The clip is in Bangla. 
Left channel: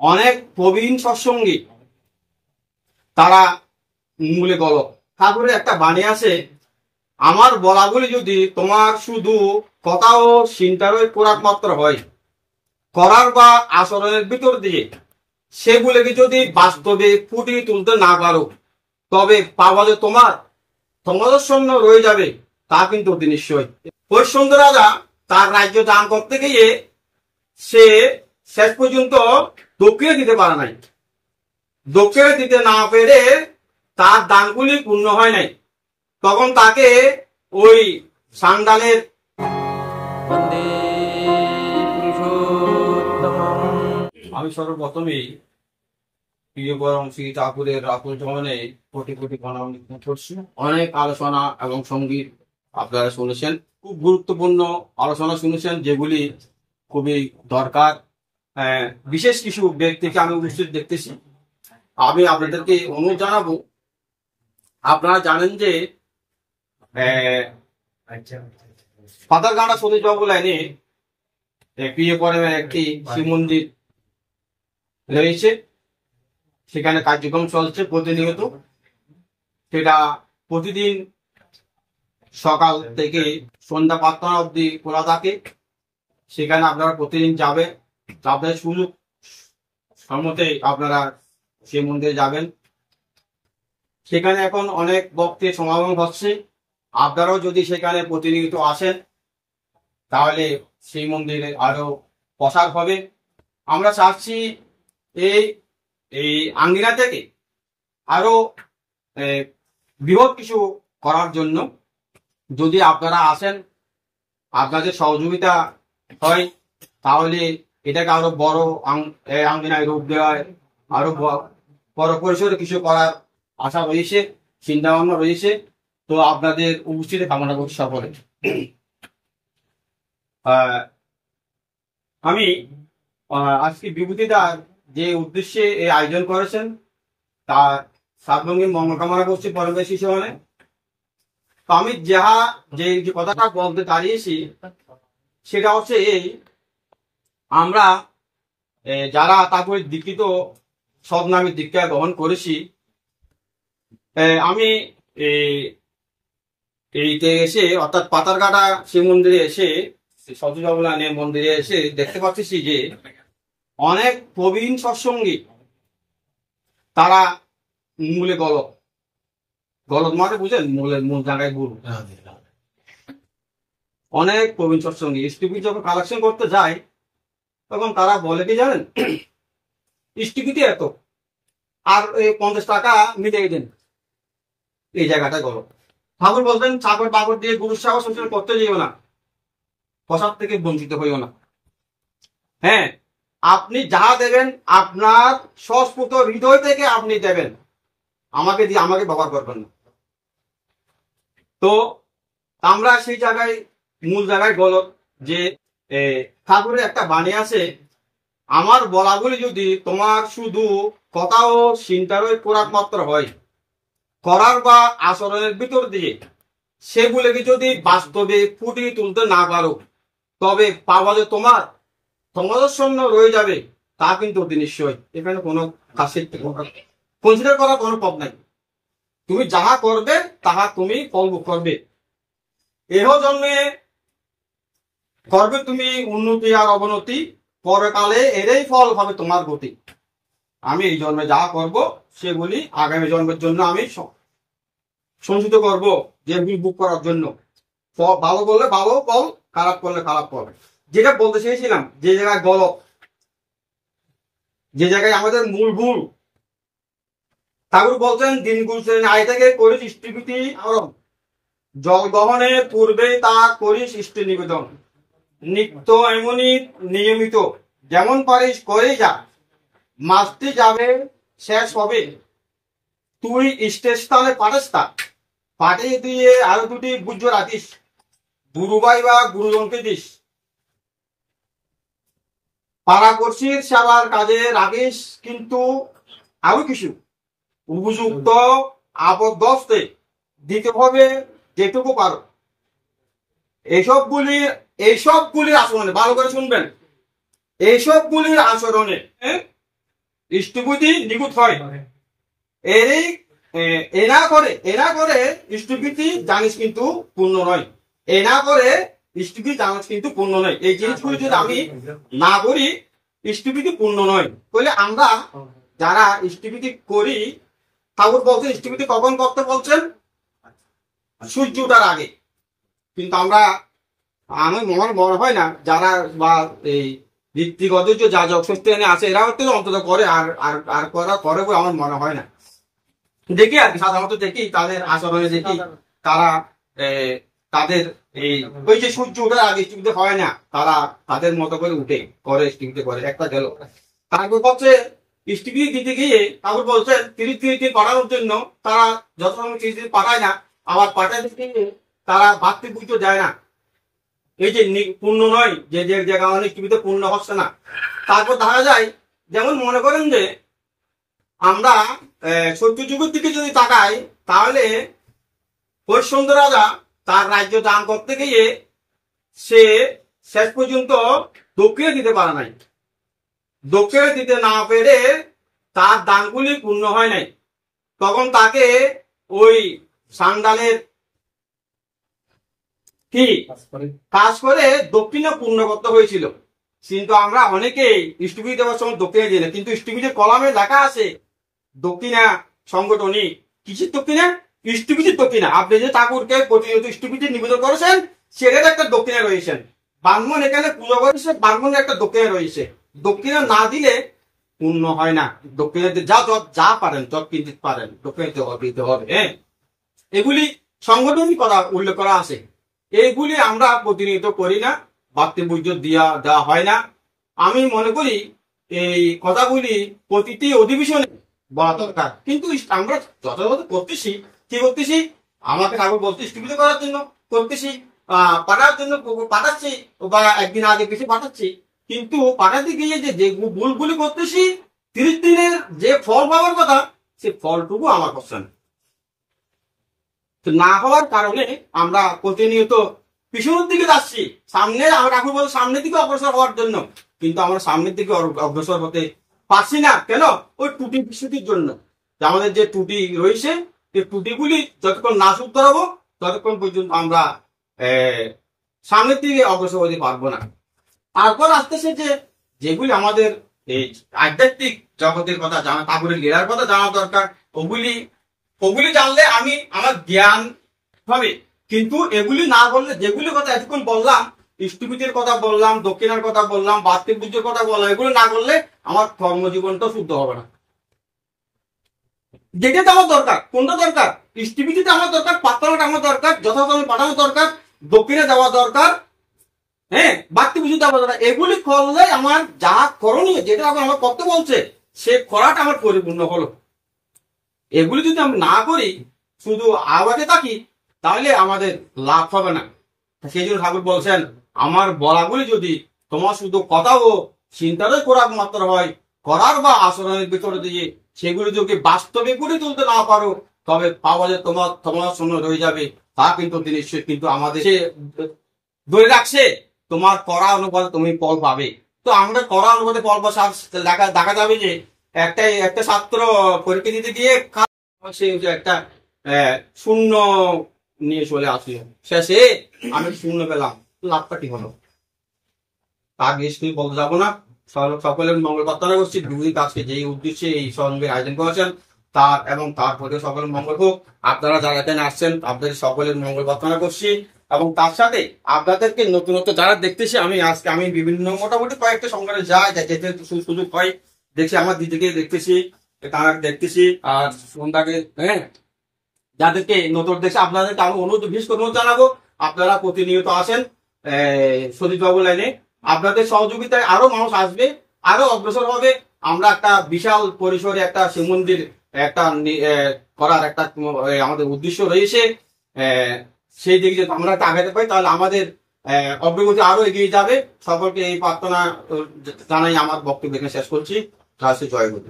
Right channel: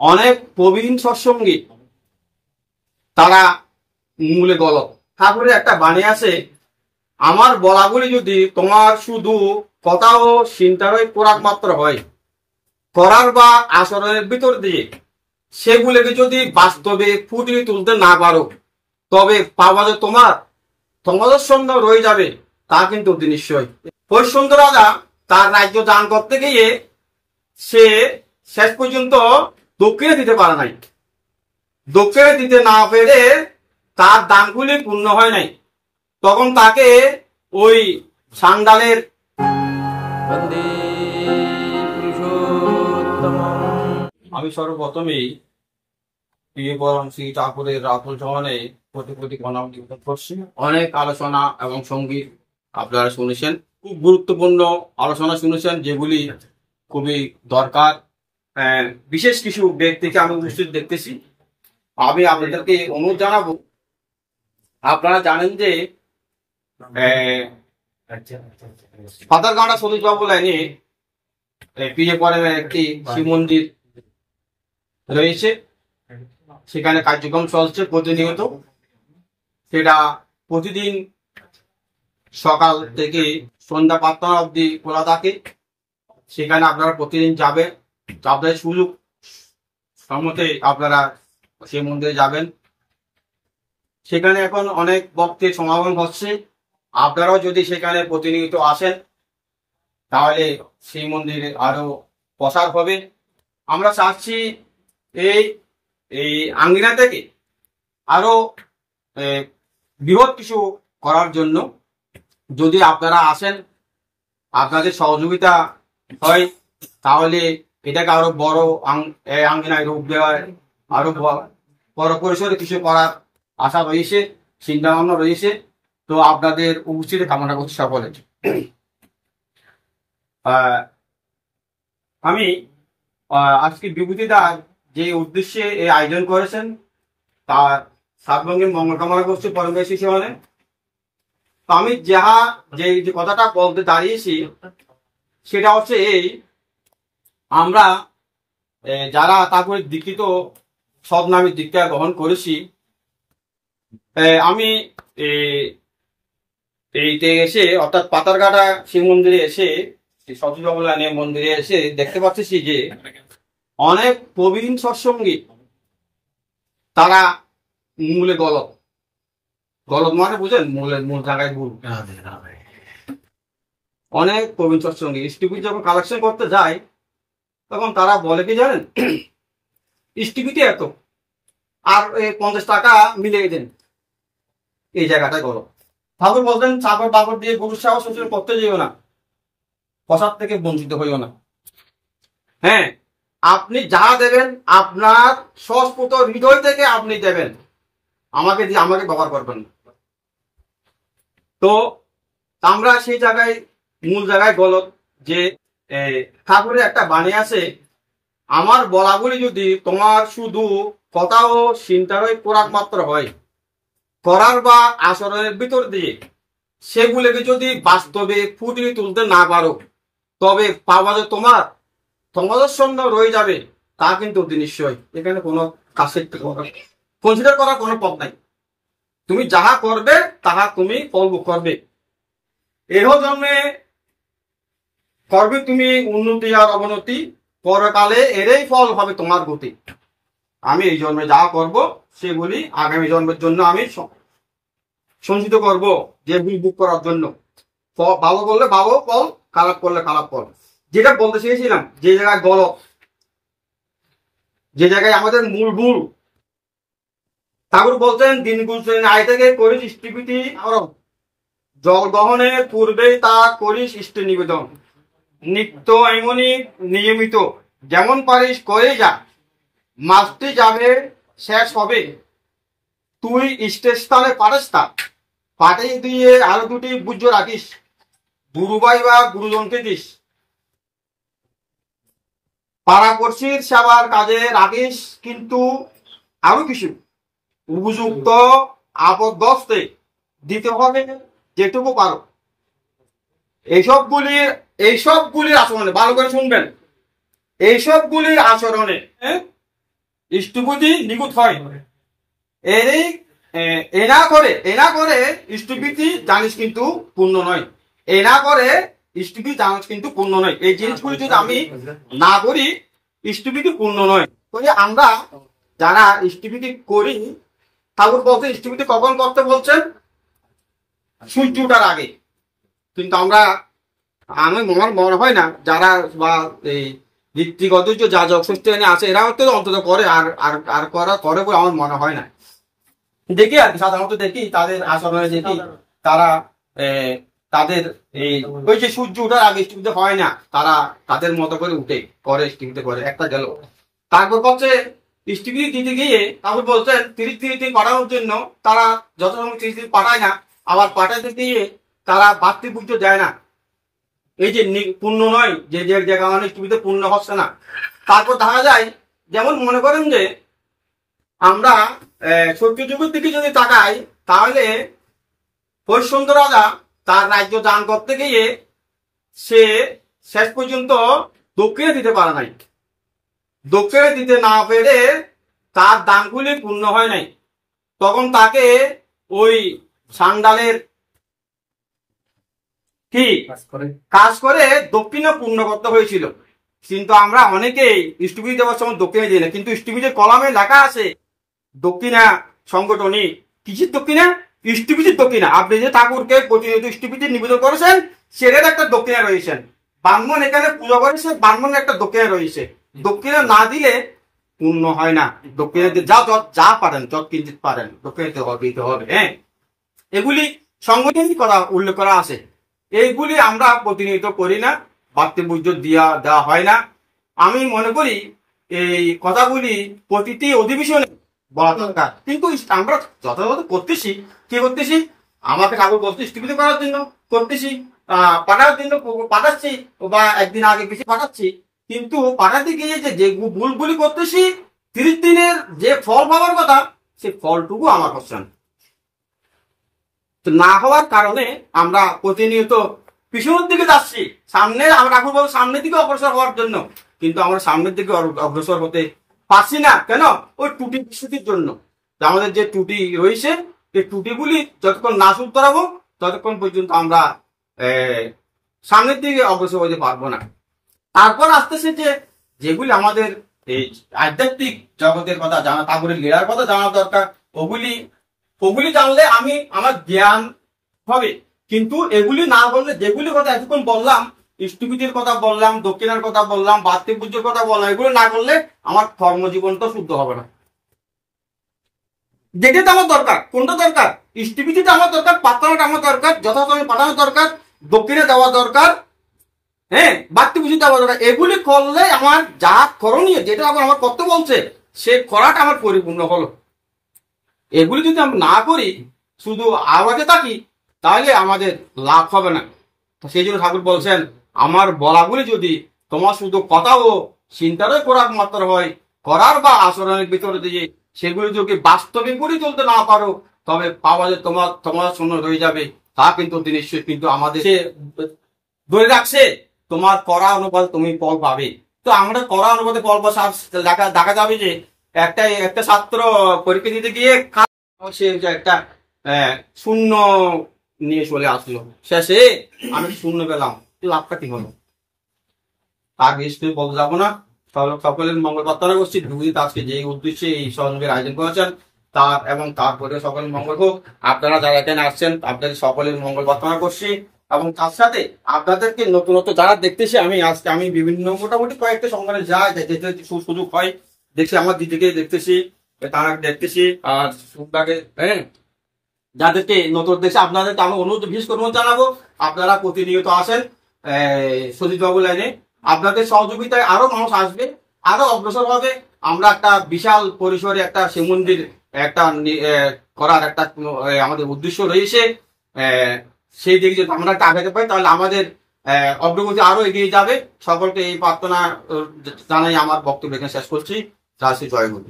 অনেক প্রবীণ সৎসঙ্গী তারা মূলে গলক। ঠাকুরের একটা বাণী আছে, আমার বলাগুলি যদি তোমার শুধু কথা ও চিন্তারই পোড়াক মাত্র হয়, করার বা আচরণের ভিতর দিয়ে সেগুলোকে যদি বাস্তবে ফুটিয়ে তুলতে না পারো, তবে পাওয়া যে তোমাদের সৈন্য রয়ে যাবে, তা কিন্তু অতি নিশ্চয়। হরিশ্চন্দ্র রাজা তার রাজ্য দান করতে গিয়ে সে শেষ পর্যন্ত দক্ষিণে দিতে পারে নাই। দক্ষিণে দিতে না পেরে তার দানগুলি পূর্ণ হয় নাই। তখন তাকে ওই সান্ডালের আমি সর্বপ্রথমেই প্রিয় পরম শ্রী ঠাকুরের রাতুল চরণে কোটি কোটি প্রণাম নিবেদন করছি। অনেক আলোচনা এবং সঙ্গীত আপনারা শুনেছেন, খুব গুরুত্বপূর্ণ আলোচনা শুনেছেন, যেগুলি খুবই দরকার। বিশেষ কিছু ব্যক্তিকে আমি উপস্থিত দেখতেছি। আমি আপনাদেরকে অনুরোধ জানাবো, আপনারা জানেন যে পাতারগাঁড়া সতীশবাবু লাইনে প্রিয় পরমের একটি শিব মন্দির রয়েছে। সেখানে কার্যক্রম চলছে প্রতিনিয়ত। সেটা প্রতিদিন সকাল থেকে সন্ধ্যা 5টা অবধি খোলা থাকে। সেখানে আপনারা প্রতিদিন যাবে, আপনাদের সুযোগ সম্মতে আপনারা সেই মন্দিরে যাবেন। সেখানে এখন অনেক ভক্তের সমাগম হচ্ছে। আপনারাও যদি সেখানে প্রতিনিয়ত আসেন, তাহলে সেই মন্দিরে আরো প্রসার হবে। আমরা চাচ্ছি এই আঙ্গিনা থেকে আরো বৃহৎ কিছু করার জন্য। যদি আপনারা আসেন, আপনাদের সহযোগিতা হয়, তাহলে এটাকে আরো বড় আঙ্গিনায় রূপ দেওয়ার, আরো বড় পরিসরে কিছু করার আশা রয়েছে, চিন্তা ভাবনা রয়েছে। তো আপনাদের উপস্থিতি কামনা করছি সকলে। আমি আজকে বিভূতিদার যে উদ্দেশ্যে এই আয়োজন করেছেন, তার সার্বঙ্গীম মঙ্গল কামনা করছি পরমেশ্বর শিশুমানে। তো আমি যে কথাটা বলতে দাঁড়িয়েছি সেটা হচ্ছে এই, আমরা যারা তারপরে দীক্ষিত সদনামী দীক্ষা গ্রহণ করেছি, আমি এইতে এসে অর্থাৎ পাতারঘাটা শিব মন্দিরে এসে, সতীশবাবু লাইনের মন্দিরে এসে দেখতে পাচ্ছি যে অনেক প্রবীণ সৎসঙ্গী তারা মূলে গলক মানে বুঝেন, মূল জায়গায় ভুল। অনেক প্রবীণ সৎসঙ্গী স্টিপিটি যখন কালেকশন করতে যায়, তখন তারা বলে কি জানেন, স্টিপিটি এত আর 50 টাকা মিলিয়ে দেন, এই জায়গাটায় গলক। ঠাকুর বলতেন, চাকর বাকর দিয়ে গুরু সেবা শুশ্রূষা করতে যেও না, প্রসাদ থেকে বঞ্চিত হইও না। হ্যাঁ, আপনি যা দেবেন আপনার স্বস্ফুট হৃদয় থেকে আপনি দেবেন, আমাকে দিয়ে আমাকে ব্যবহার করবেন না। তো আমরা সেই জায়গায় মূল জায়গায় গলত যে ঠাকুরের একটা বাণী আছে, আমার বলাগুলি যদি তোমার শুধু কথা ও চিন্তারই পোড়াক মাত্র হয়, করার বা আচরণের ভিতর দিয়ে সেগুলোকে যদি বাস্তবে ফুটিয়ে তুলতে না পারো, তবে পাওয়া যে তোমাদের সৈন্য রয়ে যাবে, তা কিন্তু অতি নিশ্চয়। এখানে কোনো কাছে কনসিডার করার কোনো পথ নাই। তুমি যাহা করবে তাহা তুমি ফল ভোগ করবে। এহ জন্মে করবে তুমি উন্নতি আর অবনতি, পরকালে এরই ফল হবে তোমার গতি। আমি এই জন্মে যা করব সেগুলি আগামী জন্মের জন্য আমি সঞ্চিত করব, যে ভোগ করার জন্য। ভালো করলে ভালো ফল, খারাপ করলে খারাপ ফল। যেটা বলতে চেয়েছিলাম, যে জায়গায় গলত, যে জায়গায় আমাদের মূল ভুল, ঠাকুর বলছেন দিন গুলছেন আয় থেকে করিস স্টিপিটি আরো, জল গ্রহণে পূর্বেই তা করিস ইষ্টি নিবেদন, নিত্য এমনই নিয়মিত যেমন পারিস করে যা, মাসটি যাবে শেষ হবে, তুই স্থানে পারিস তা, পাঠিয়ে দিয়ে আরো 2টি বুঝ রাখিস, গুরুভাই বা গুরুজনকে দিস, পাড়াপড়শির সেবার কাজে রাখিস, কিন্তু আরো কিছু উপযুক্ত আপদগ্রস্তে দিতে হবে যেটুকু পারো। এইসবগুলির আচরণে, ভালো করে শুনবেন, এইসবগুলির আচরণে ইষ্টবিধি নিখুঁত হয়। এই এ না করে ইষ্টবিধি জানিস কিন্তু পূর্ণ নয়। এ না করে ইষ্টবিধি জানিস কিন্তু পূর্ণ নয়। এই জিনিসগুলি যদি আমি না করি ইষ্টবিধি পূর্ণ নয়। তাহলে আমরা যারা ইষ্টবিধি করি, ঠাকুর বলছেন ইষ্টবিধি কখন করতে বলছেন? সূর্য ওঠার আগে। কিন্তু আমার মনে হয় না যারা বা এই ঋত্বিগত যে যাজক ষষ্ঠী এনে আছে এরা হয়তো অন্তত করে, আর করে বলে আমার মনে হয় না। দেখি আর কি, সাধারণত দেখি তাদের আচরণে দেখি তারা তাদের এই ওই যে সূর্য ওঠার আগে ইষ্টবিধি হয় না, তারা তাদের মতো করে উঠে করে ইষ্টবিধি করে। একটা গেল। তারপর বলছে ইষ্টবিধি দিতে গিয়ে তারপর বলছেন 30 দিন পাঠানোর জন্য তারা যথাসময় 30 দিন পাঠায় না, আবার পাঠাতে গিয়ে তারা বাড়তি পুজো দেয় না। এই যে পূর্ণ নয়, যে জায়গা মানে ইষ্টবিধি পূর্ণ হচ্ছে না। তারপর দেখা যায় যেমন মনে করেন যে আমরা সত্যযুগের দিকে যদি তাকাই, তাহলে হরিশ্চন্দ্র রাজা তার রাজ্য দান করতে গিয়ে সে শেষ পর্যন্ত দক্ষিণে দিতে পারে নাই। দক্ষিণে দিতে না পেরে তার দানগুলি পূর্ণ হয় নাই। তখন তাকে ওই সান্ডালের কি কাজ করে দক্ষিণে পূর্ণ করতে হয়েছিল। কিন্তু আমরা অনেকেই ইষ্টবিধি দেওয়ার সময় দক্ষিণে দিই না, কিন্তু ইষ্টবিধির কলামে লেখা আছে দক্ষিণা সংগঠনী কিসের দক্ষিণা? ইষ্টবিধির দক্ষিণা। আপনি যে ঠাকুরকে প্রতিনিয়ত ইষ্টবিধি নিবেদন করেছেন সেটার একটা দক্ষিণা রয়েছেন। ব্রাহ্মণ এখানে পুজো করেছে, ব্রাহ্মণের একটা দক্ষিণা রয়েছে। দক্ষিণা না দিলে পূর্ণ হয় না। দক্ষিণা যা পারেন, যত কিঞ্চিত পারেন দক্ষিণা দিতে হবে। হ্যাঁ, এগুলি সংগঠনই কথা উল্লেখ করা আছে। এইগুলি আমরা প্রতিনিয়ত করি না, বাড়তি পুজো দেওয়া হয় না। আমি মনে করি এই কথাগুলি প্রতিটি অধিবেশনে বলা দরকার। কিন্তু আমরা যথাযথ করতেছি, কি করতেছি? আমাকে ঠাকুর বলতে ইষ্টবিধি করার জন্য করতেছি, পাঠার জন্য পাঠাচ্ছি, বা একদিন আগে বেশি পাঠাচ্ছি। কিন্তু পাঠাতে গিয়ে যে ভুলগুলি করতেছি, 30 দিনের যে ফল পাওয়ার কথা সে ফলটুকু আমার হচ্ছে না হওয়ার কারণে আমরা প্রতিনিয়ত পিছনের দিকে যাচ্ছি। সামনে আমরা ঠাকুর বলতে সামনের দিকে অগ্রসর হওয়ার জন্য, কিন্তু আমরা সামনের দিকে অগ্রসর হতে পারছি না। কেন? ওই ত্রুটি বিচ্যুতির জন্য। আমাদের যে ত্রুটি রয়েছে এই ত্রুটিগুলি যতক্ষণ না শুধরাবো ততক্ষণ পর্যন্ত আমরা সামনের দিকে অগ্রসর হতে পারবো না। তারপর আসতেছে যেগুলি আমাদের এই আধ্যাত্মিক জগতের কথা জানা, ঠাকুরের লীলার কথা জানা দরকার। ওগুলি জানলে আমার জ্ঞান হবে। কিন্তু এগুলি না বললে, যেগুলি কথা এতক্ষণ বললাম, ইষ্টবিধির কথা বললাম, দক্ষিণার কথা বললাম, বাড়তি পুজোর কথা বললাম, এগুলো না করলে আমার কর্মজীবনটা শুদ্ধ হবে না। যেটা আমার দরকার, কোনটা দরকার? ইষ্টবিধিটা আমার দরকার, প্রার্থনাটা আমার দরকার, যথাসময়ে পাঠানো দরকার, দক্ষিণে দেওয়া দরকার, হ্যাঁ, বাড়তি পুজো দেওয়া দরকার। এগুলি করলে আমার যা করণীয়, যেটা আমার করতে বলছে, সে করাটা আমার পরিপূর্ণ হলো। এগুলি যদি আমরা না করি, শুধু আওয়াজে থাকি, তাহলে আমাদের লাভ হবে না। সেই জন্য ঠাকুর বলছেন আমার বলাগুলি যদি তোমার শুধু কথা ও চিন্তারই করার মাত্র হয়, করার বা আচরণের ভিতরে দিয়ে সেগুলি যদি বাস্তবে গড়ে তুলতে না পারো, তবে পাওয়া যে তোমার শূন্য রয়ে যাবে। তা কিন্তু নিশ্চয় কিন্তু আমাদের ধরে রাখছে তোমার করা অনুপাতে তুমি ফল পাবে। তো আমরা করা অনুপাতে ফল পাওয়া দেখা যাবে যে একটা ছাত্র পরীক্ষা দিতে গিয়ে সে একটা শূন্য নিয়ে চলে আসলো, শেষে আমি শূন্য পেলাম, লাভটা কি হলো? তার বেশি বলতে যাবো না। সকলের মঙ্গল প্রার্থনা করছি। দুই আজকে যে উদ্দেশ্যে এই সঙ্গের আয়োজন করেছেন তার এবং তারপরে সকলের মঙ্গল হোক। আপনারা যারা এখানে আসছেন আপনাদের সকলের মঙ্গল প্রার্থনা করছি, এবং তার সাথে আপনাদেরকে নতুনত্ব যারা দেখতেছি, আমি বিভিন্ন মোটামুটি কয়েকটা সংগঠনে যেতে সুযোগ হয়, দেখছি আমার দিদিকে দেখতেছি, তারা দেখতেছি, আর সন্ধ্যাকে, হ্যাঁ, যাদেরকে নতুন দেখছে আপনাদেরকে আমি বিশেষ অনুরোধ জানাবো আপনারা প্রতিনিয়ত আসেন সতীশ বাবু লাইনে। আপনাদের সহযোগিতায় আরো মানুষ আসবে, আরো অগ্রসর হবে। আমরা একটা বিশাল পরিসরে একটা শিব মন্দির একটা করার একটা আমাদের উদ্দেশ্য রয়েছে। সেই দিকে যদি আমরা একটা আগাতে পারি তাহলে আমাদের অগ্রগতি আরো এগিয়ে যাবে। সকলকে এই প্রার্থনা জানাই আমার বক্তব্য এখানে শেষ করছি। জয় গুরু।